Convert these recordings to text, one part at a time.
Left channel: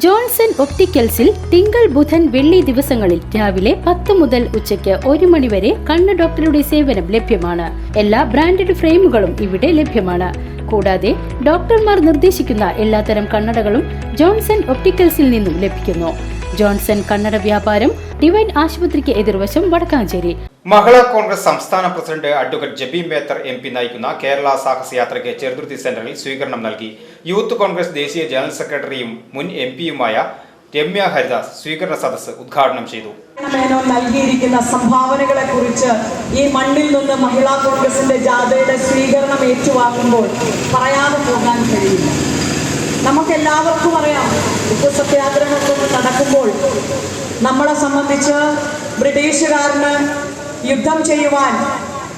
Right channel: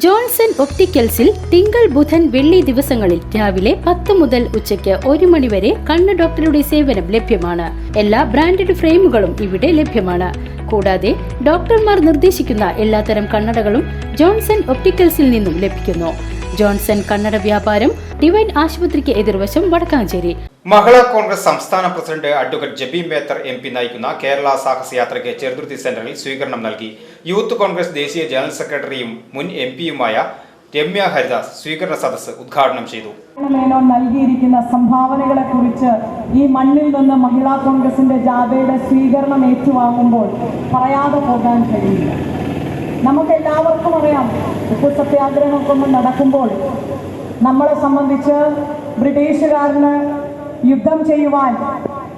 Johnson ഒപ്റ്റിക്കൽസിൽ തിങ്കൾ ബുധൻ വെള്ളി ദിവസങ്ങളിൽ രാവിലെ 10 മുതൽ ഉച്ചയ്ക്ക് 1 മണി വരെ കണ്ണ് ഡോക്ടറുടെ സേവനം ലഭ്യമാണ്. എല്ലാ ബ്രാൻഡഡ് ഫ്രെയിമുകളും ഇവിടെ ലഭ്യമാണ്. കൂടാതെ ഡോക്ടർമാർ നിർദ്ദേശിക്കുന്ന എല്ലാത്തരം കണ്ണടകളും ജോൺസൺ ഒപ്റ്റിക്കൽസിൽ നിന്നും ലഭിക്കുന്നു. ജോൺസൺ കണ്ണട വ്യാപാരം ഡിവൈൻ ആശുപത്രിക്ക് എതിർവശം വടക്കാഞ്ചേരി. മഹിളാ കോൺഗ്രസ് സംസ്ഥാന president advocate Jebi Mather MP നയിക്കുന്ന കേരള സാഹസയാത്രയ്ക്ക് ചെറുതുരുത്തി സെന്ററിൽ സ്വീകരണം നൽകി. യൂത്ത് കോൺഗ്രസ് ദേശീയ ജനറൽ സെക്രട്ടറിയും മുൻ MP-യുമായ രമ്യ ഹരിദാസ് സ്വീകരണ സദസ്സ് ഉദ്ഘാടനം ചെയ്തു. നൽകിയിരിക്കുന്ന സംഭാവനകളെ കുറിച്ച് ഈ മണ്ണിൽ നിന്ന് മഹിളാ കോൺഗ്രസിന്റെ ജാഥയുടെ സ്വീകരണം ഏറ്റുവാങ്ങുമ്പോൾ പറയാതെ പോകാൻ കഴിയില്ല. നമുക്കെല്ലാവർക്കും അറിയാം, ഉപ്പു സത്യാഗ്രഹമൊക്കെ നടക്കുമ്പോൾ നമ്മളെ സംബന്ധിച്ച് ബ്രിട്ടീഷുകാരന് യുദ്ധം ചെയ്യുവാൻ,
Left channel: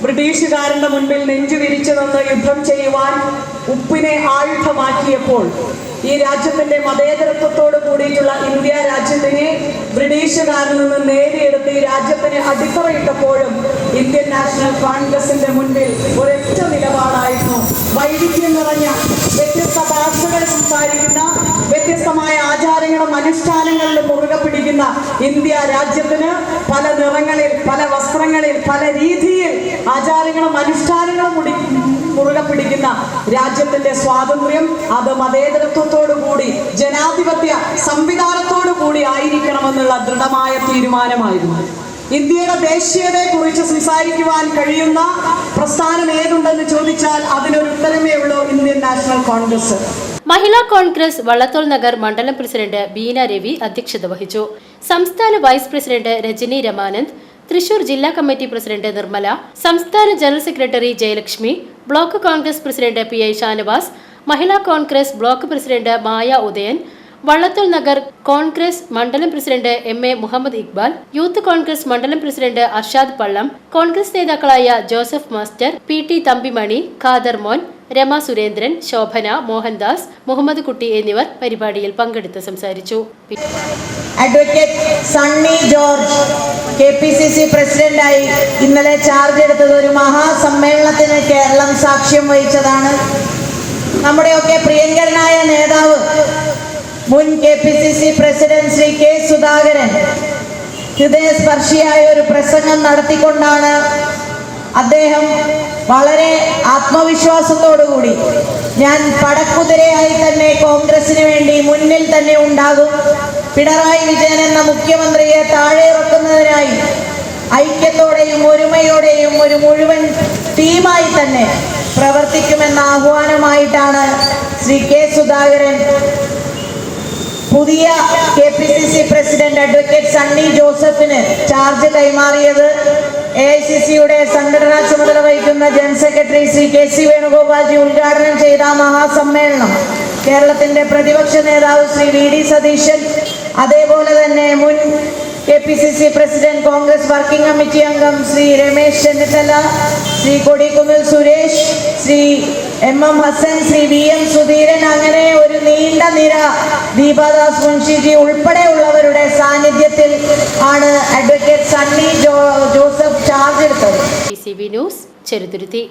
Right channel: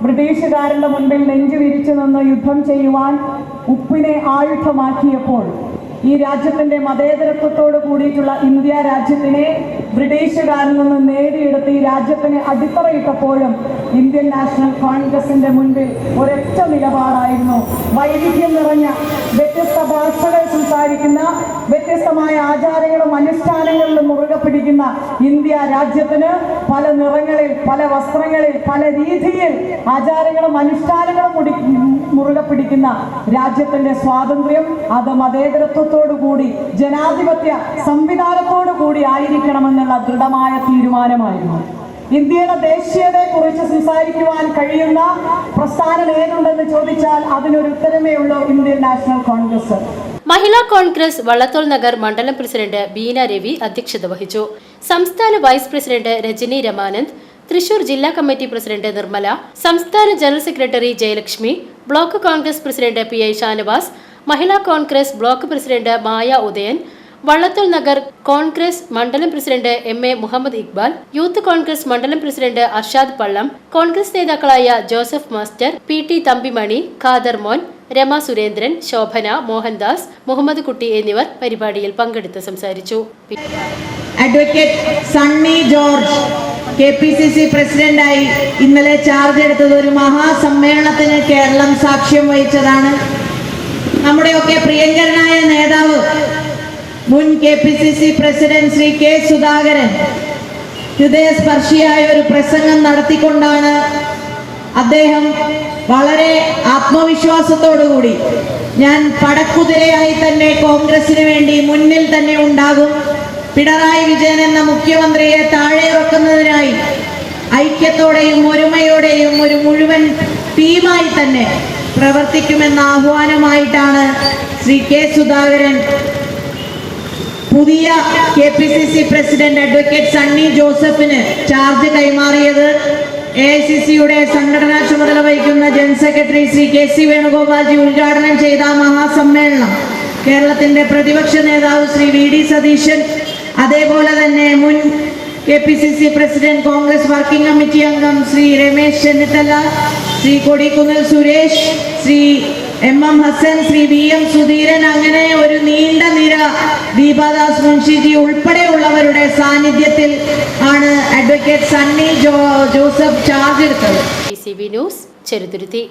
ബ്രിട്ടീഷുകാരുടെ മുൻപിൽ നെഞ്ചുവിരിച്ചു നിന്ന് യുദ്ധം ചെയ്യുവാൻ ഉപ്പിനെ ആയുധമാക്കിയപ്പോൾ ഈ രാജ്യത്തിന്റെ മതേതരത്വത്തോട് കൂടിയിട്ടുള്ള ഇന്ത്യ രാജ്യത്തിനെ ബ്രിട്ടീഷുകാരിൽ നിന്ന് നേടിയെടുത്ത് ഈ രാജ്യത്തിന് അടിത്തറയിട്ടപ്പോഴും ഇന്ത്യൻ നാഷണൽ കോൺഗ്രസിന്റെ മുൻപിൽ ഒരൊറ്റ നിലപാടായിരുന്നു. വൈവിധ്യം നിറഞ്ഞ വ്യത്യസ്ത ഭാഷകൾ സംസാരിക്കുന്ന, വ്യത്യസ്തമായ ആചാരങ്ങളും അനുഷ്ഠാനങ്ങളിലും മുറുകെ പിടിക്കുന്ന ഇന്ത്യ രാജ്യത്തിന് പല നിറങ്ങളിൽ, പല വസ്ത്രങ്ങളിൽ, പല രീതിയിൽ ആചാരങ്ങളും അനുഷ്ഠാനങ്ങളും മുറുകെ പിടിക്കുന്ന രാജ്യത്തിന്റെ സ്വാതന്ത്ര്യം അത് മതേതരത്വത്തോടു കൂടി, ജനാധിപത്യ സംവിധാനത്തോടു കൂടി ആയിരിക്കണമെന്നുള്ള ദൃഢമായ തീരുമാനമായിരുന്നു. ഇന്ത്യയുടെ ദേശീയതയെ കുറിച്ച് സംസാരിക്കുവാൻ കഴിയുന്ന പ്രസ്ഥാനം ഏതുണ്ടെന്ന് ചോദിച്ചാൽ അതിനൊരു ഉത്തരമേ ഉള്ളൂ, Indian National Congress. Mahila Congress Vallathol Nagar മണ്ഡലം പ്രസിഡന്റ് ബീന രവി അധ്യക്ഷത വഹിച്ചു. സംസ്ഥാന വൈസ് പ്രസിഡന്റ് രജനി രമാനന്ദ്, തൃശൂർ ജില്ലാ കമ്മിറ്റി പ്രസിഡന്റ് നിർമ്മല, സംസ്ഥാന general secretary Jayalakshmi, block Congress president PI Shanavas, Mahila Congress block president Maya Udayan, Vallathol Nagar Congress മണ്ഡലം president MA Muhammad Iqbal, youth Congress മണ്ഡലം പ്രസിഡന്റ് അർഷാദ് പള്ളം, കോൺഗ്രസ് നേതാക്കളായ Joseph master, PT Thampimani, Khader Mon, Rama Surendran, Shobhana, Mohandas, Muhammad കുട്ടി എന്നിവർ പരിപാടിയിൽ പങ്കെടുത്ത് സംസാരിച്ചു. അഡ്വക്കേറ്റ് സണ്ണി ജോർജ് KPCC പ്രസിഡന്റായി ഇന്നലെ ചാർജ് എടുത്തത് ഒരു മഹാസമ്മേളനത്തിന് കേരളം സാക്ഷ്യം വഹിച്ചതാണ്. നമ്മുടെയൊക്കെ പ്രിയങ്കരനായ നേതാവ് മുൻ KPCC president Shri K Sudhakaran ഹൃദയസ്പർശിയായ ഒരു പ്രസംഗം നടത്തിക്കൊണ്ടാണ് അദ്ദേഹം വളരെ ആത്മവിശ്വാസത്തോടുകൂടി ഞാൻ പടക്കുതിരയായി തന്നെ കോൺഗ്രസിന് വേണ്ടി മുന്നിൽ തന്നെ ഉണ്ടാകും, പിണറായി വിജയൻ എന്ന മുഖ്യമന്ത്രിയെ താഴെ ഇറക്കുന്നതിനായി ഐക്യത്തോടെയും ഒരുമയോടെയും ഒരു മുഴുവൻ ടീമായി തന്നെ പ്രവർത്തിക്കുമെന്ന ആഹ്വാനമായിട്ടാണ് ശ്രീ K സുധാകരൻ പുതിയ KPCC പ്രസിഡന്റ് അഡ്വക്കേറ്റ് സണ്ണി ജോസഫിന് ചാർജ് കൈമാറിയത്. AICCയുടെ സംഘടനാ ചുമതല വഹിക്കുന്ന general secretary Shri KC Venugopalji ഉദ്ഘാടനം ചെയ്ത മഹാസമ്മേളനം കേരളത്തിന്റെ പ്രതിപക്ഷ നേതാവ് ശ്രീ VD സതീശൻ, അതേപോലെ തന്നെ മുൻ KPCC president Congress working committee അംഗം ശ്രീ രമേശ് ചെന്നിത്തല, ശ്രീ കൊടിക്കുന്നിൽ സുരേഷ്, ശ്രീ MM ഹസൻ, ശ്രീ VM സുധീരൻ, അങ്ങനെ ഒരു നീണ്ട നിര, ദീപാദാസ് മുൻഷിജി ഉൾപ്പെടെയുള്ളവരുടെ സാന്നിധ്യത്തിൽ ആണ് അഡ്വക്കേറ്റ് സണ്ണി ജോസഫ് ചാർജ് എടുത്തത്. TCV news, Cheruthuruthy.